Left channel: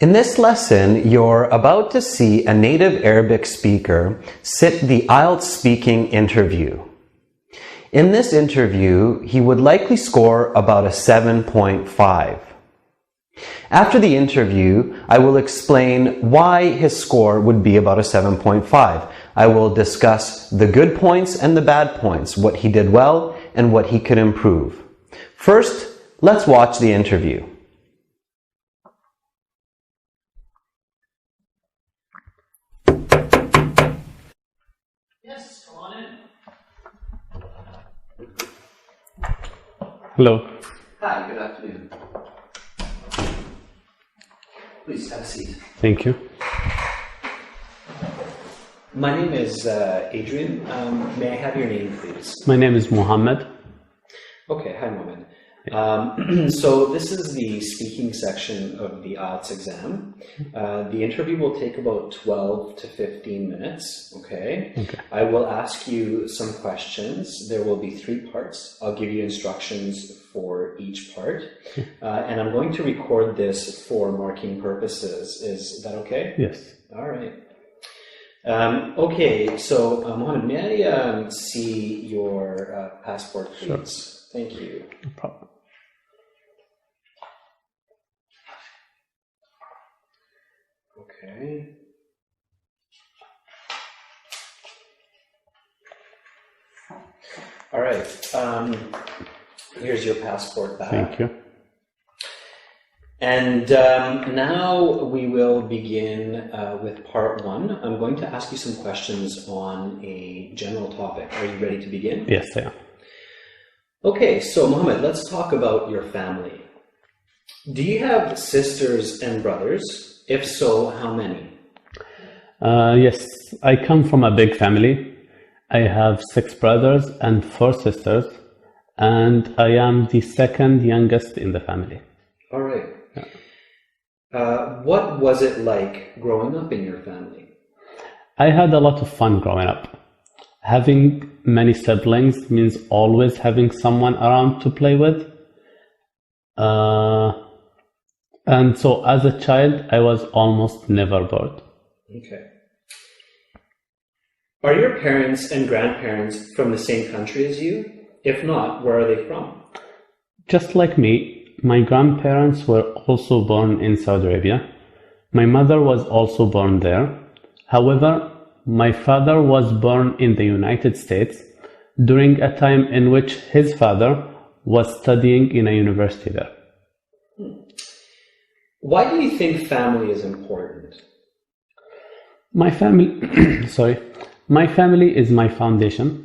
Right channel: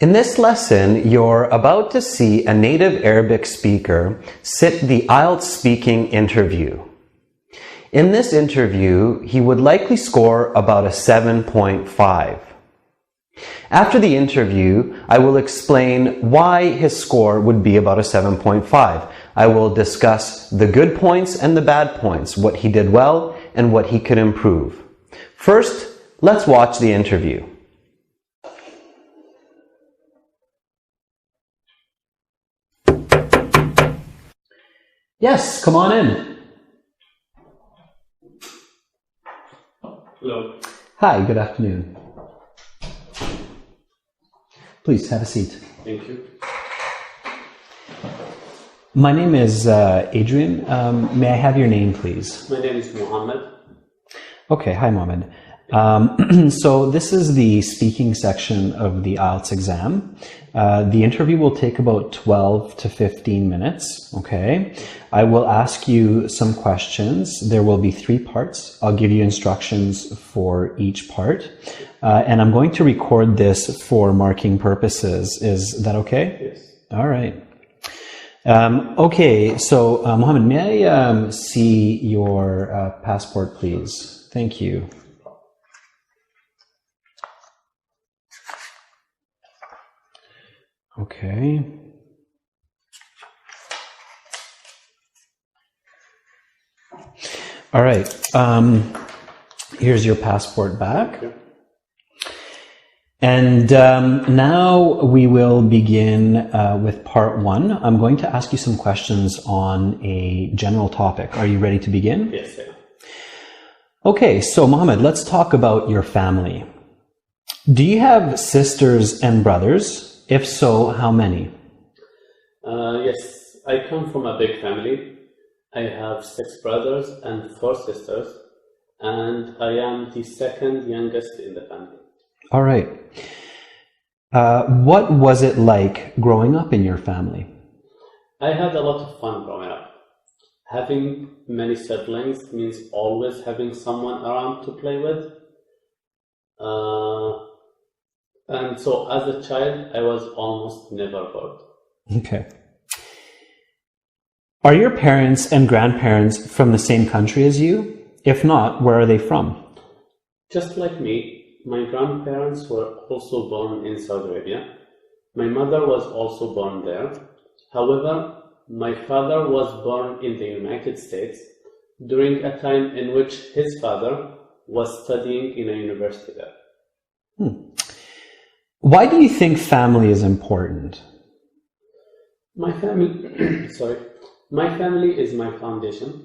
In this lesson, you're about to see a native Arabic speaker sit the Ielts speaking interview. In this interview, he would likely score about a 7.5. After the interview, I will explain why his score would be about a 7.5. I will discuss the good points and the bad points, what he did well and what he could improve. First, let's watch the interview. Yes, come on in. Hello. Hi, good afternoon. Please have a seat. Thank you. My name is Adrian. May I have your name, please? My name is Mohammed. Okay, hi, Mohammed. So this is the speaking section of the Ielts exam. The interview will take about 12 to 15 minutes, okay? I will ask you some questions. There will be 3 parts. I'll give you instructions for each part. And I'm going to record this for marking purposes. Is that okay? Yes. All right. Okay, so Mohammed, may I see your passport, please? Sure. Thank you. No problem. Okay. All right. Here's your passport back. Thank you. And now we will begin with part 1. I'm going to ask you some questions on a general topic. Are you ready to begin? Yes, I am. Okay, so Mohammed, let's talk about your family. Do you have sisters and brothers? If so, how many? Yes, I come from a big family. I have 6 brothers and 4 sisters, and I am the second youngest in the family. All right. What was it like growing up in your family? I had a lot of fun growing up. Having many siblings means always having someone around to play with. And so as a child, I was almost never bored. Okay. Are your parents and grandparents from the same country as you? If not, where are they from? Just like me, my grandparents were also born in Saudi Arabia. My mother was also born there. However, my father was born in the United States during a time in which his father was studying in a university there. Why do you think family is important? My family, my family is my foundation.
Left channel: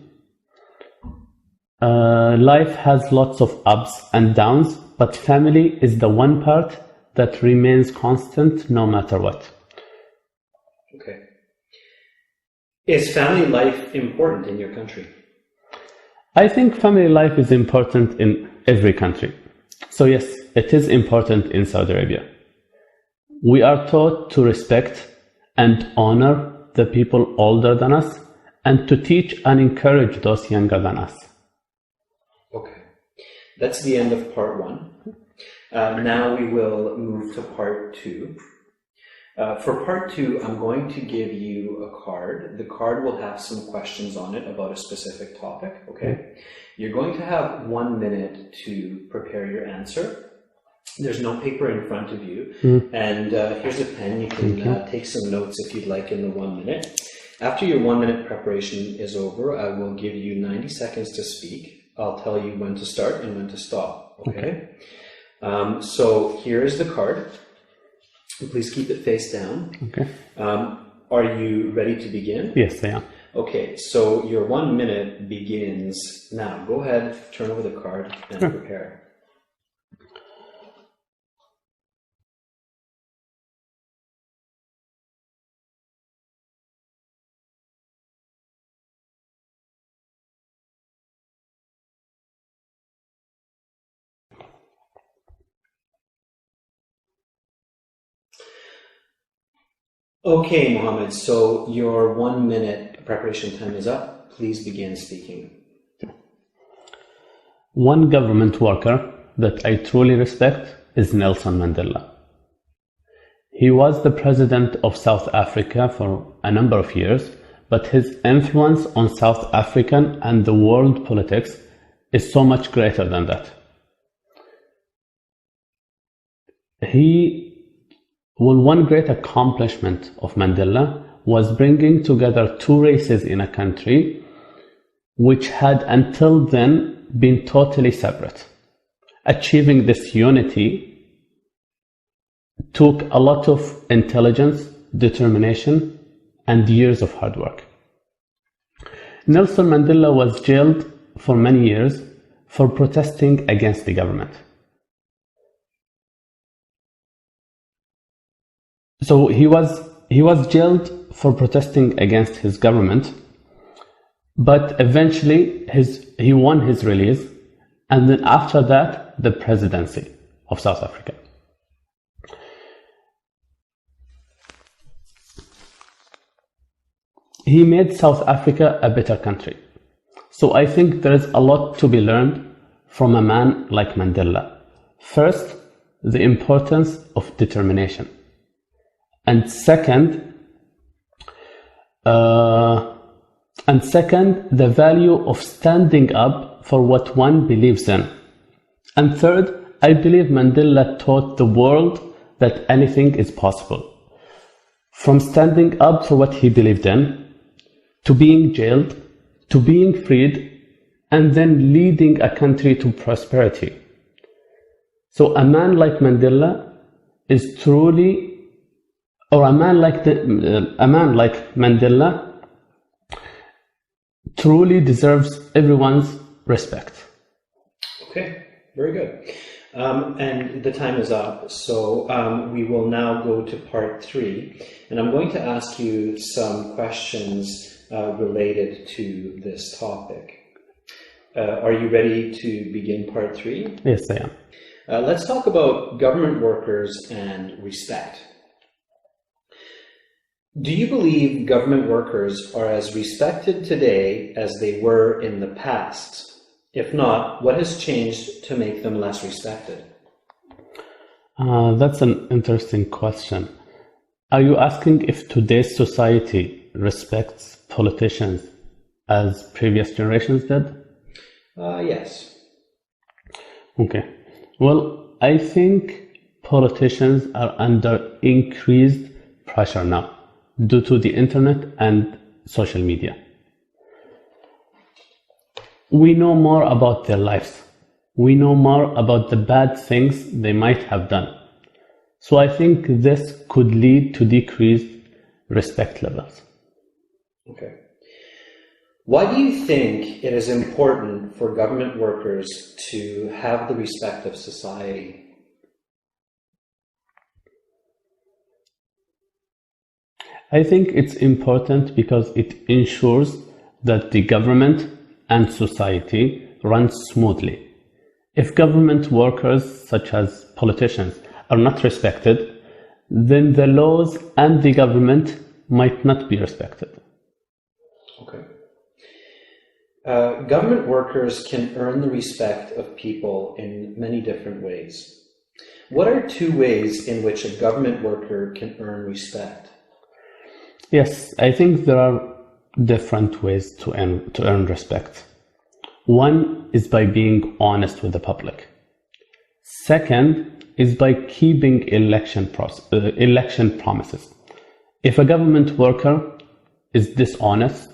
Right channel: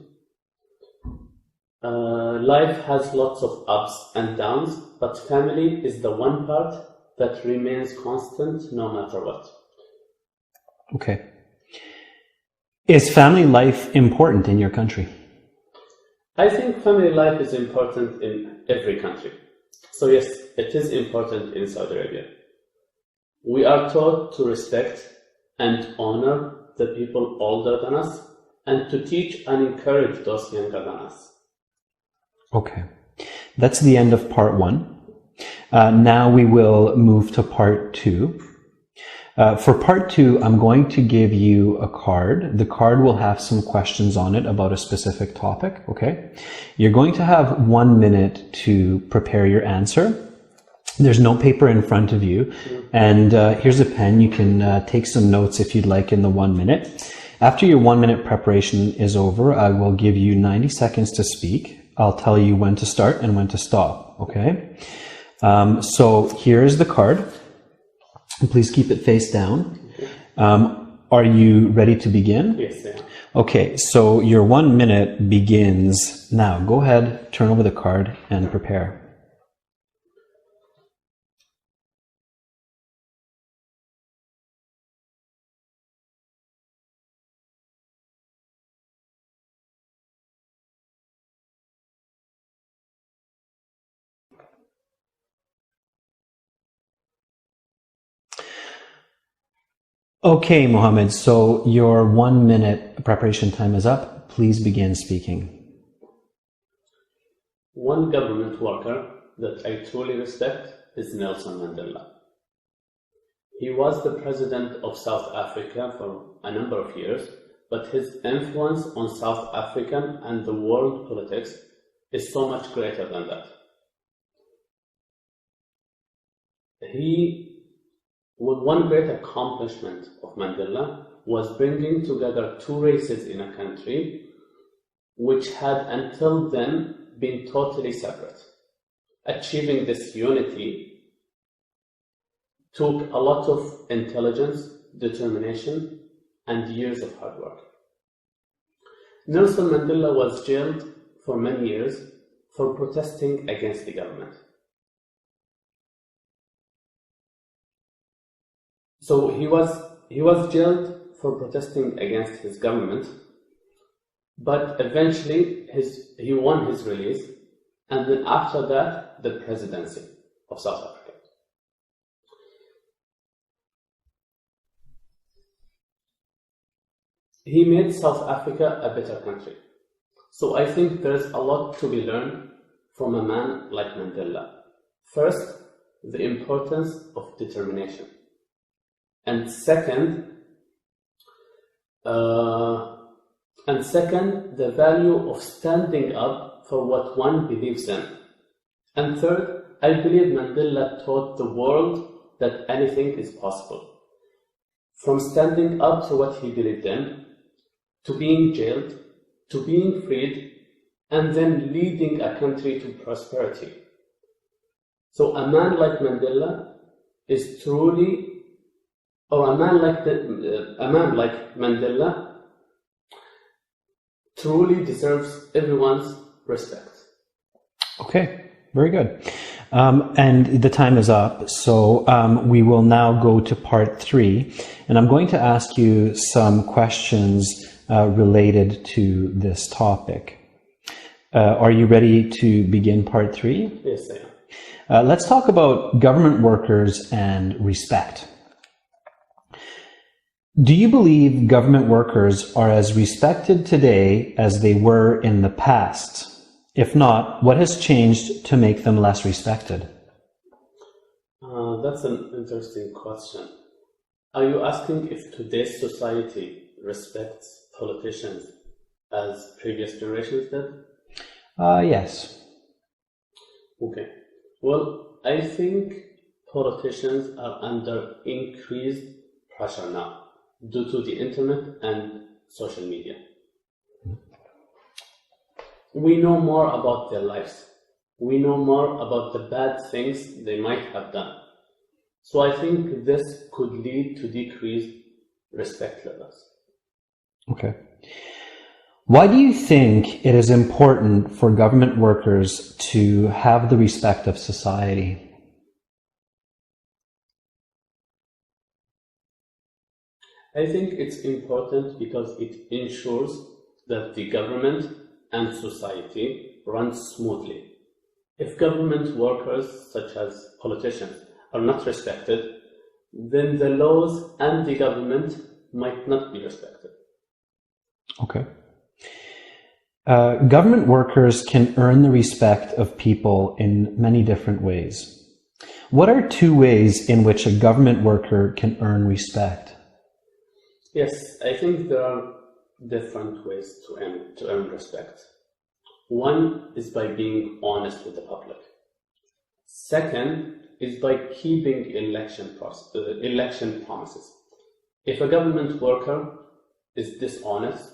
Life has lots of ups and downs, but family is the one part that remains constant no matter what. Okay. Is family life important in your country? I think family life is important in every country. So yes, it is important in Saudi Arabia. We are taught to respect and honor the people older than us and to teach and encourage those younger than us. Okay. That's the end of part 1. Now we will move to part 2. For part 2, I'm going to give you a card. The card will have some questions on it about a specific topic, okay? You're going to have 1 minute to prepare your answer. There's no paper in front of you, and here's a pen. You can take some notes if you'd like in the 1 minute. After your 1 minute preparation is over, I will give you 90 seconds to speak. I'll tell you when to start and when to stop, okay? So here is the card. Please keep it face down. Okay. Are you ready to begin? Yes, I am. Okay, so your 1 minute begins now. Go ahead, turn over the card and prepare. Okay, Mohammed, so your 1 minute preparation time is up. Please begin speaking. One government worker that I truly respect is Nelson Mandela. He was the president of South Africa for a number of years, but his influence on South African and the world politics is so much greater than that. One great accomplishment of Mandela was bringing together two races in a country which had until then been totally separate. Achieving this unity took a lot of intelligence, determination, and years of hard work. Nelson Mandela was jailed for many years for protesting against the government. So he was jailed for protesting against his government, but eventually he won his release, and then after that, the presidency of South Africa. He made South Africa a better country. So I think there is a lot to be learned from a man like Mandela. First, the importance of determination. And second, the value of standing up for what one believes in. And third, I believe Mandela taught the world that anything is possible. From standing up for what he believed in, to being jailed, to being freed, and then leading a country to prosperity. So a man like Mandela is truly, or a man like Mandela truly deserves everyone's respect. Okay, very good. And the time is up, so we will now go to part 3, and I'm going to ask you some questions related to this topic. Are you ready to begin part 3? Yes, I am. Let's talk about government workers and respect. Do you believe government workers are as respected today as they were in the past? If not, what has changed to make them less respected? That's an interesting question. Are you asking if today's society respects politicians as previous generations did? Yes. Okay. Well, I think politicians are under increased pressure now due to the internet and social media. We know more about their lives. We know more about the bad things they might have done. So I think this could lead to decreased respect levels. Okay. Why do you think it is important for government workers to have the respect of society? I think it's important because it ensures that the government and society run smoothly. If government workers, such as politicians, are not respected, then the laws and the government might not be respected. Okay. Government workers can earn the respect of people in many different ways. What are 2 ways in which a government worker can earn respect? Yes, I think there are different ways to earn respect. One is by being honest with the public. Second is by keeping election promises. If a government worker is dishonest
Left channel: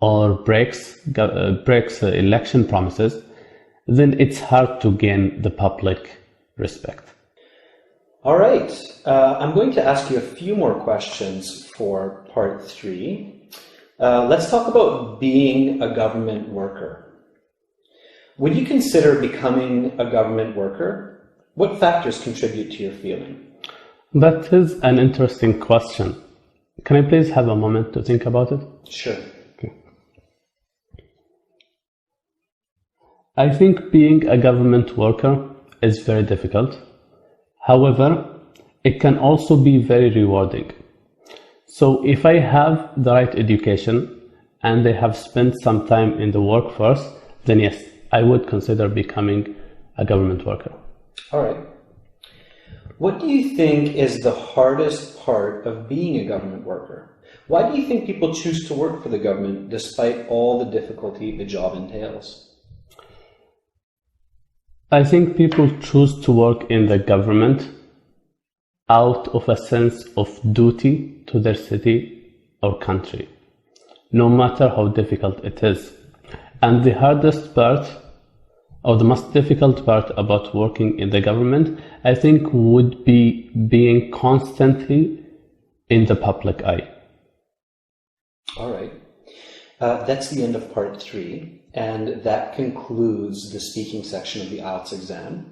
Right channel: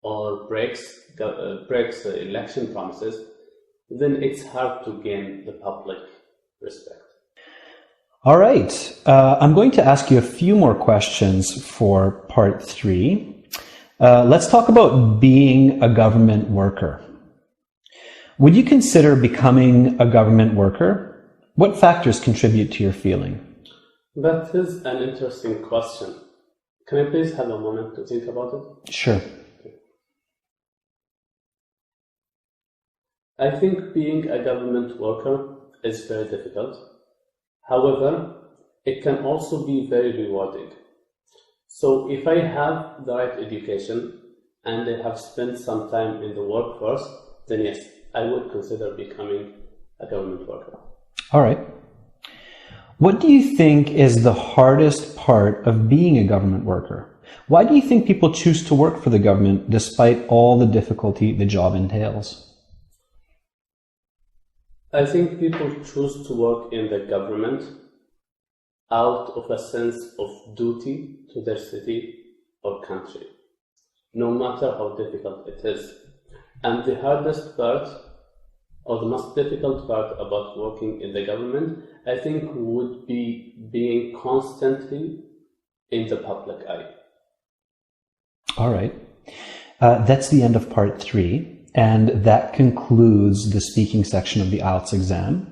or breaks election promises, then it's hard to gain the public respect. All right. I'm going to ask you a few more questions for part 3. Let's talk about being a government worker. Would you consider becoming a government worker? What factors contribute to your feeling? That is an interesting question. Can I please have a moment to think about it? Sure. Okay. I think being a government worker is very difficult. However, it can also be very rewarding. So if I have the right education and I have spent some time in the workforce, then yes, I would consider becoming a government worker. All right. What do you think is the hardest part of being a government worker? Why do you think people choose to work for the government despite all the difficulty the job entails? I think people choose to work in the government out of a sense of duty to their city or country, no matter how difficult it is. And the hardest part, or the most difficult part about working in the government, I think would be being constantly in the public eye. All right. That's the end of part 3. And that concludes the speaking section of the Ielts exam.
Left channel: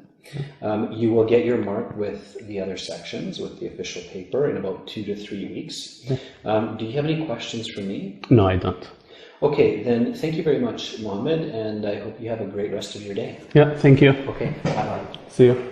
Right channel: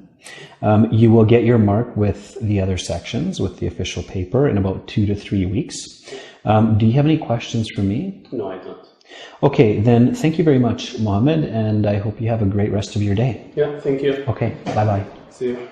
You will get your mark with the other sections, with the official paper, in about 2 to 3 weeks. Do you have any questions for me? No, I don't. Okay, then thank you very much, Mohammed, and I hope you have a great rest of your day. Yeah, thank you. Okay, bye-bye. See you.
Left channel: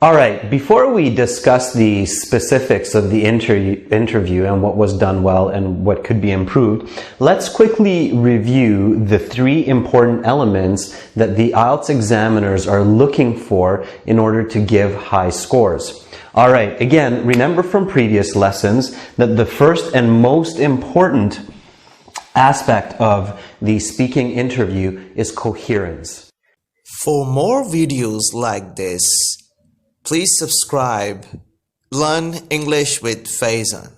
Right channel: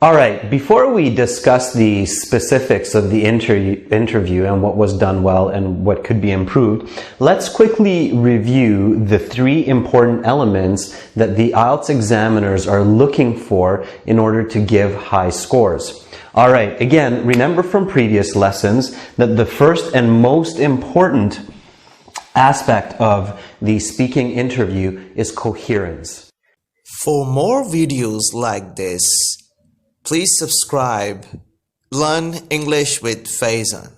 All right, before we discuss the specifics of the interview and what was done well and what could be improved, let's quickly review the 3 important elements that the Ielts examiners are looking for in order to give high scores. All right, again, remember from previous lessons that the first and most important aspect of the speaking interview is coherence. For more videos like this, please subscribe. Learn English with Faizan.